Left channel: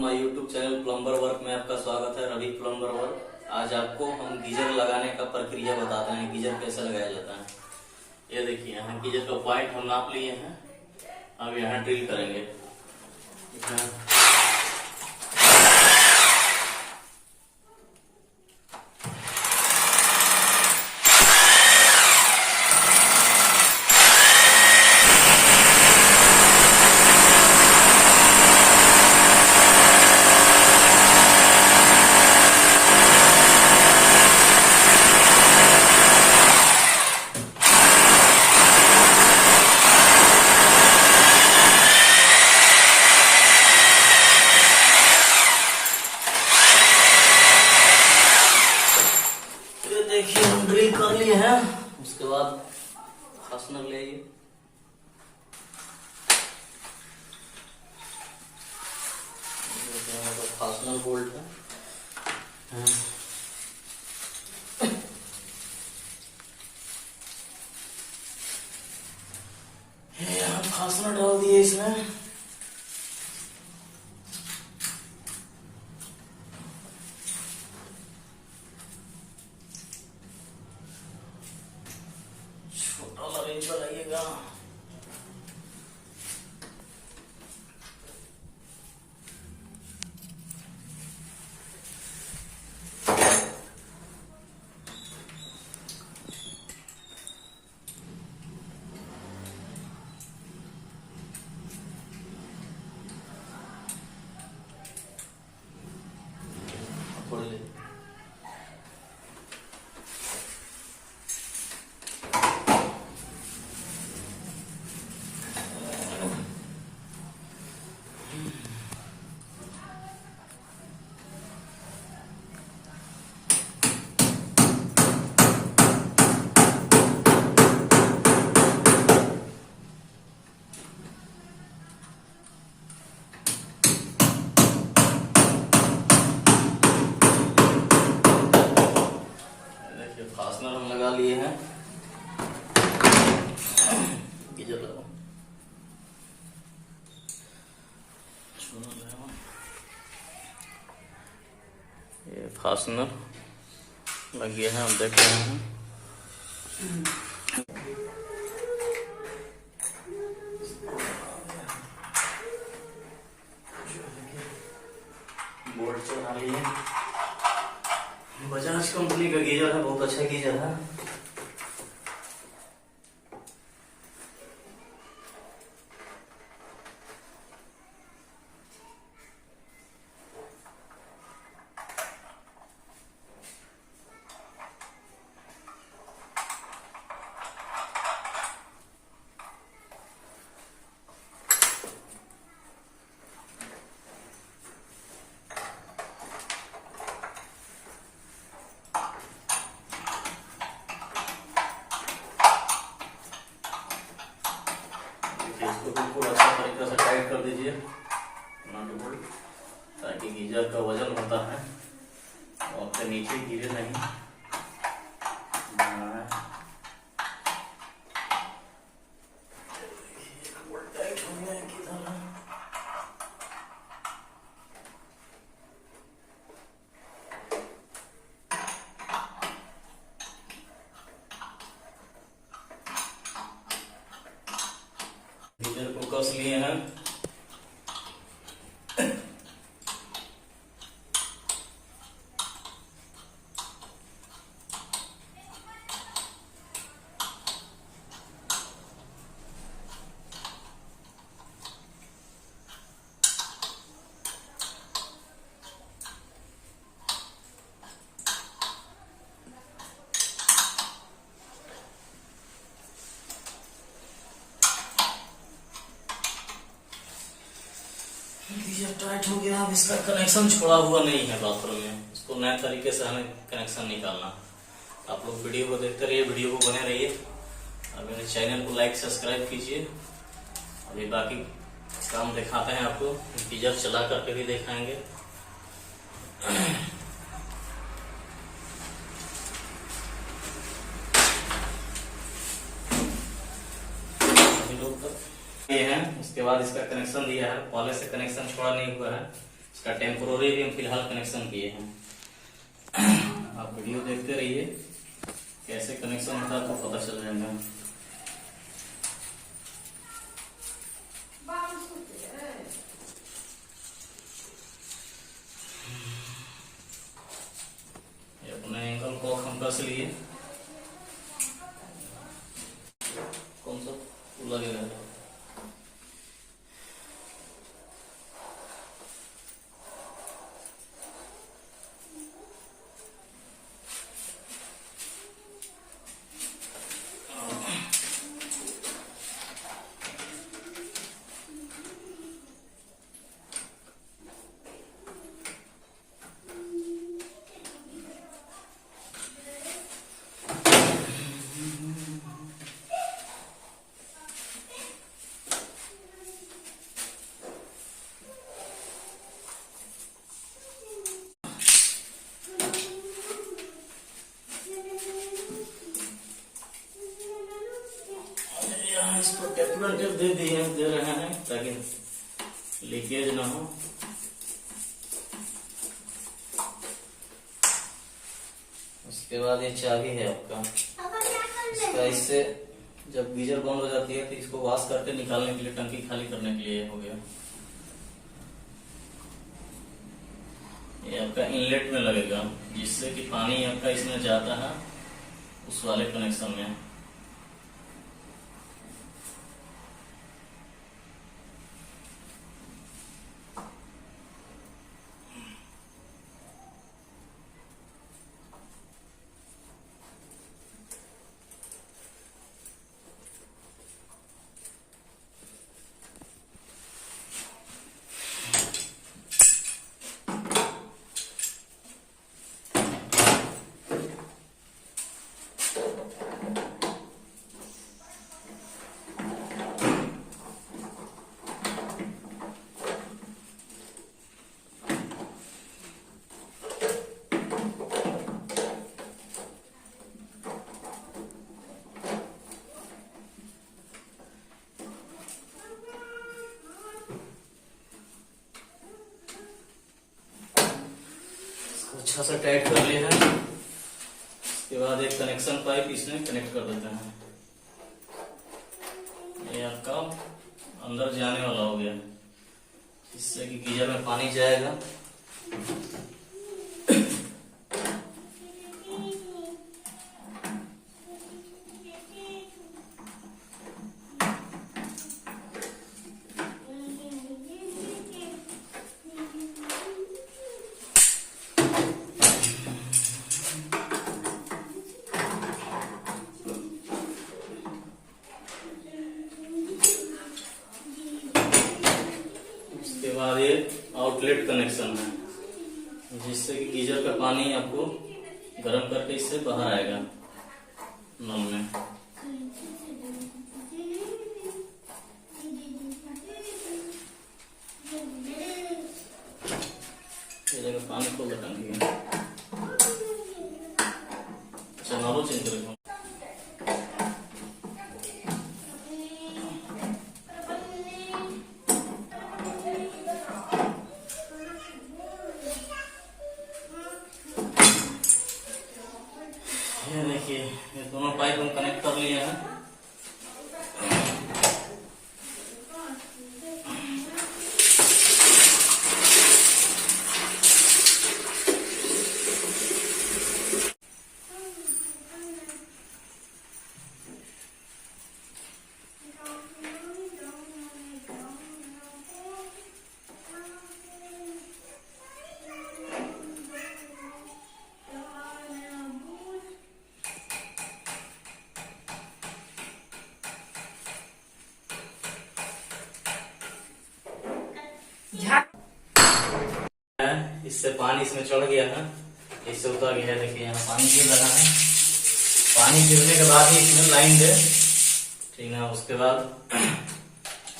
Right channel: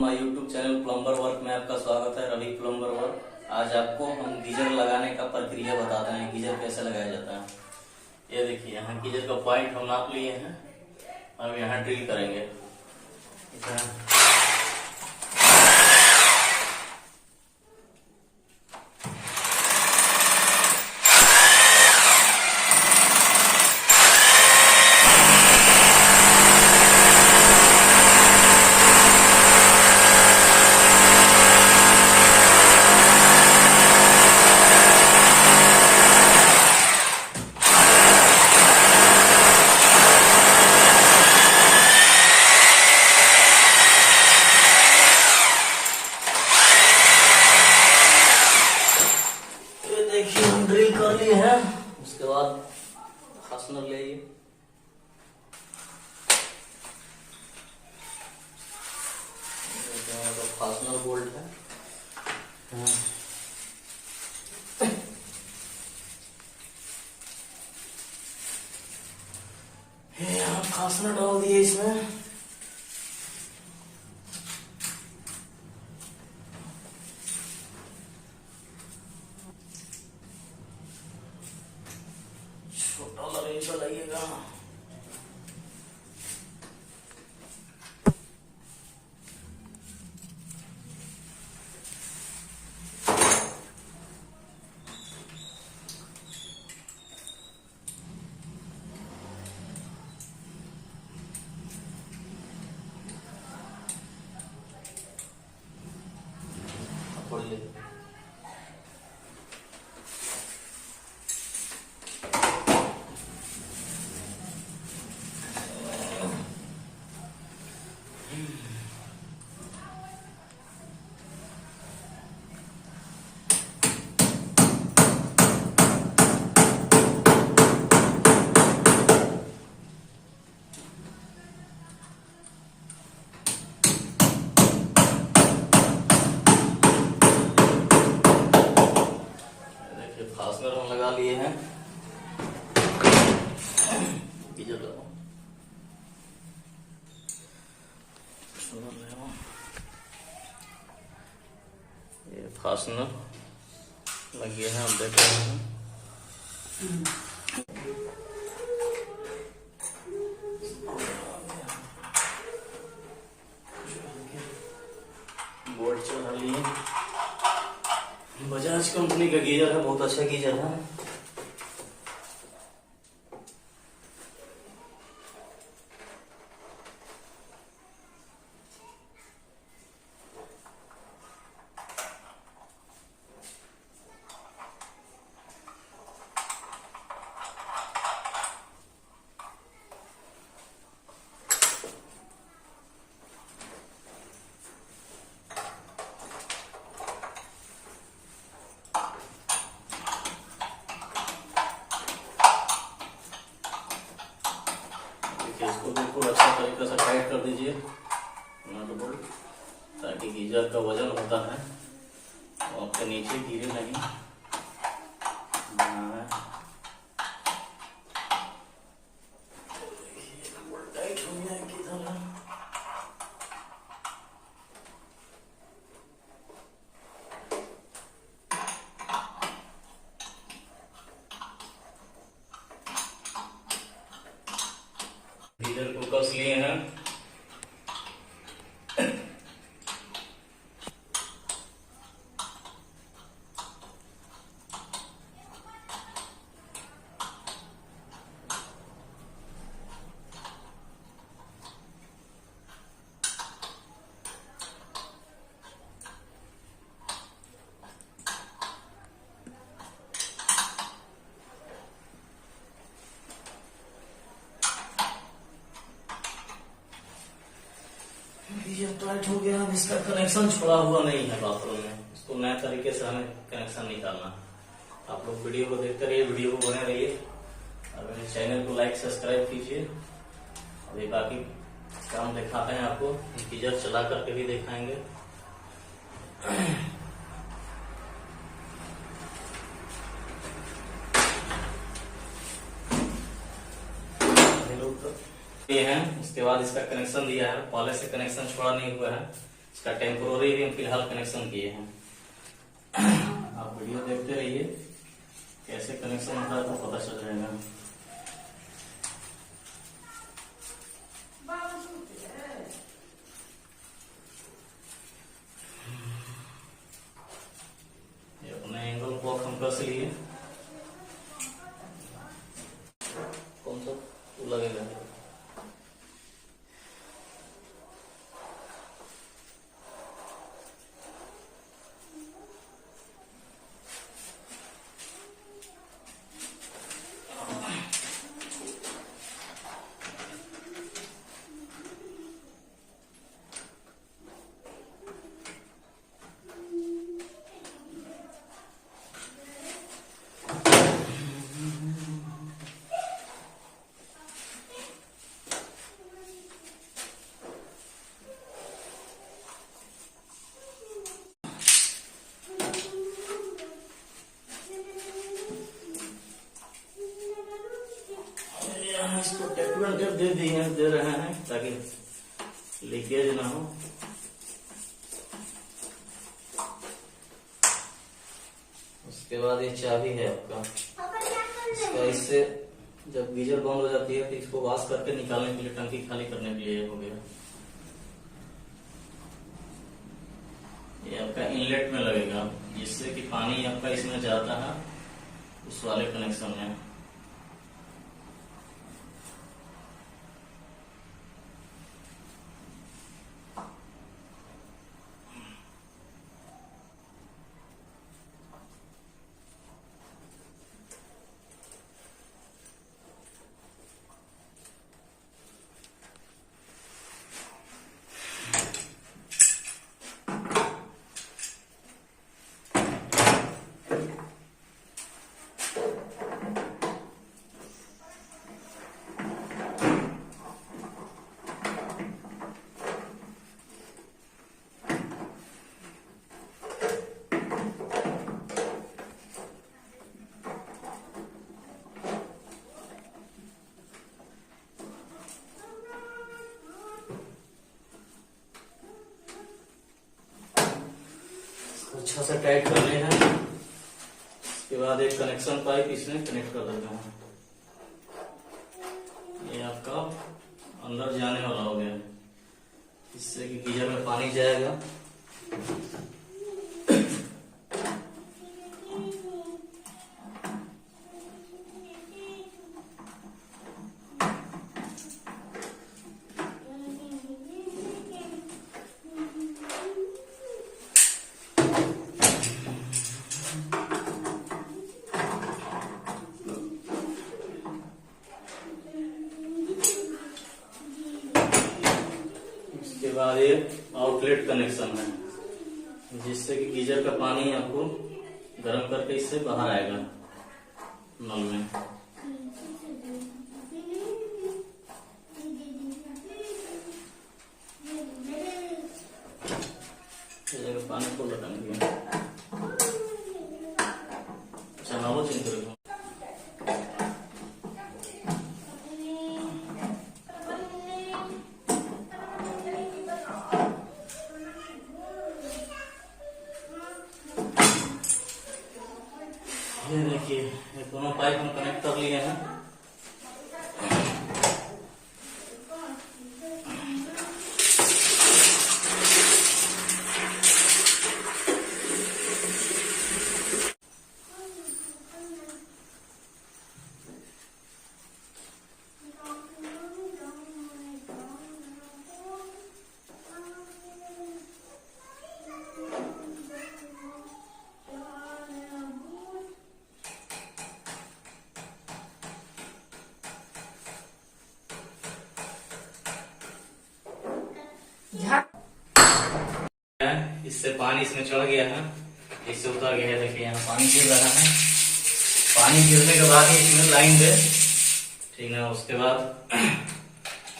हमारे YouTube channel plumber work में आपका स्वागत है। Ravi plumber work. आज आपको हम गीजर लगाने का प्रक्रिया बताते हैं, गीजर कैसे लगाया जाता है। ये देखिए, यहाँ गीजर का पॉइंट हम नाप लिए हैं। अब यहाँ ड्रिल करेंगे। देखिए, हम ड्रिल कर लिए हैं। उसके बाद फास्टनर ले आइए। फास्टनर बोल्ट है। ये हम फास्टनर डाल दिए इसमें। लगेगा फास्टनर हम लगा लिए हैं। गीजर लगाओ। ये फास्टनर लग गया है, हम देख रहे हैं। बोल्ट चला लिए। बजाज कंपनी का गीजर है, बहुत अच्छा गीजर है। इसको बिल्कुल अच्छा तरीके से टाइट कर दीजिए नट बोल्ट, ताकि गीजर का वजन होता है और आपके नीचे गिरे नहीं। टाइट हो गया की तरह। गीजर को कस लिए हैं। गीजर टाइट हो गया। अब इसका कनेक्शन छोड़ा हुआ नहीं है बाथरूम में, इसको नए तरीके से हमें कनेक्शन निकालना। आप लोग वीडियो को देखते रहिए, वीडियो को बने रहिए और मेरे चैनल को लाइक सब्सक्राइब कीजिए। अभी बाकी काम दिखाते हैं आपको, गीजर चला करके भी दिखाएंगे। ये हैं। उसके बाद इसका कनेक्शन दिया है, पहले से कनेक्शन छोड़ा नहीं हुआ है, इसका टेम्पोररी हम फिलहाल कनेक्शन किए हैं। आप वीडियो देखते रहिए, कैसे कनेक्शन होता है तो पता चल जाएगा। ये अपने एंगल को हम कस लिए, कौन सा लगेगा। इसको टेप दे रहे हैं ताकि लीकेज ना हो। उसके बाद ये चाबी है आपका, इसका इससे जब गीजर बंद हो जाती है तो इसको वॉश करके निकालने के लिए, टंकी खाली करने के लिए हो गया। ये आपका इनलेट में लगेगा, जिससे कि पानी आपका इसमें जाता है उस वाले कनेक्शन में। अच्छा से टाइट कर लिया है। इसके बाद एक कनेक्शन पाइप इसमें कनेक्ट कर देते हैं। ये आपका अंदर जाने वाला हो गया, जिससे कि गीजर में पानी जाएगा। उसके बाद ये आउटलेट कनेक्शन है, जिससे कि गीजर का पानी आपको गर्म करके इससे बाहर आएगा नल में। पानी को लगाएंगे। अच्छा ना वो चिंता रखो। ये देखिए, ये दोनों पाइप हम कनेक्ट कर लिए हैं। इससे पानी इसमें चढ़ गया है, इससे उतर गया है। देखिए यहाँ पानी गिर रहा है। पानी गिरने के बाद ही इसमें लाइन दे, ठीक है। उसके बाद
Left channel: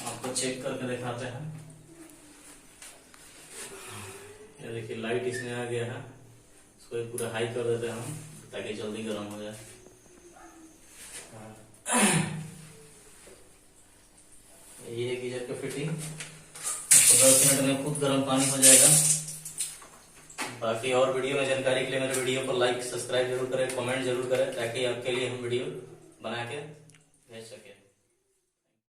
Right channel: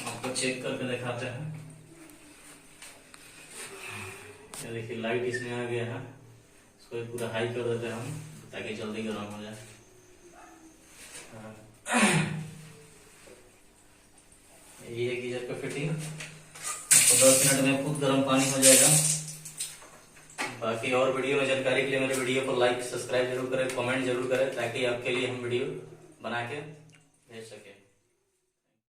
आपको चेक करके दिखाते हैं। ये देखिए लाइट इसमें आ गया है। इसको पूरा हाई कर देते हैं हम, ताकि जल्दी गर्म हो जाए। यही है गीजर का फिटिंग। तो 10 मिनट में खुद गर्म पानी हो जाएगा। बाकी और वीडियो में जानकारी के लिए मेरे वीडियो को लाइक सब्सक्राइब जरूर करें, कमेंट जरूर करें, ताकि आपके लिए हम वीडियो बना के भेज सके।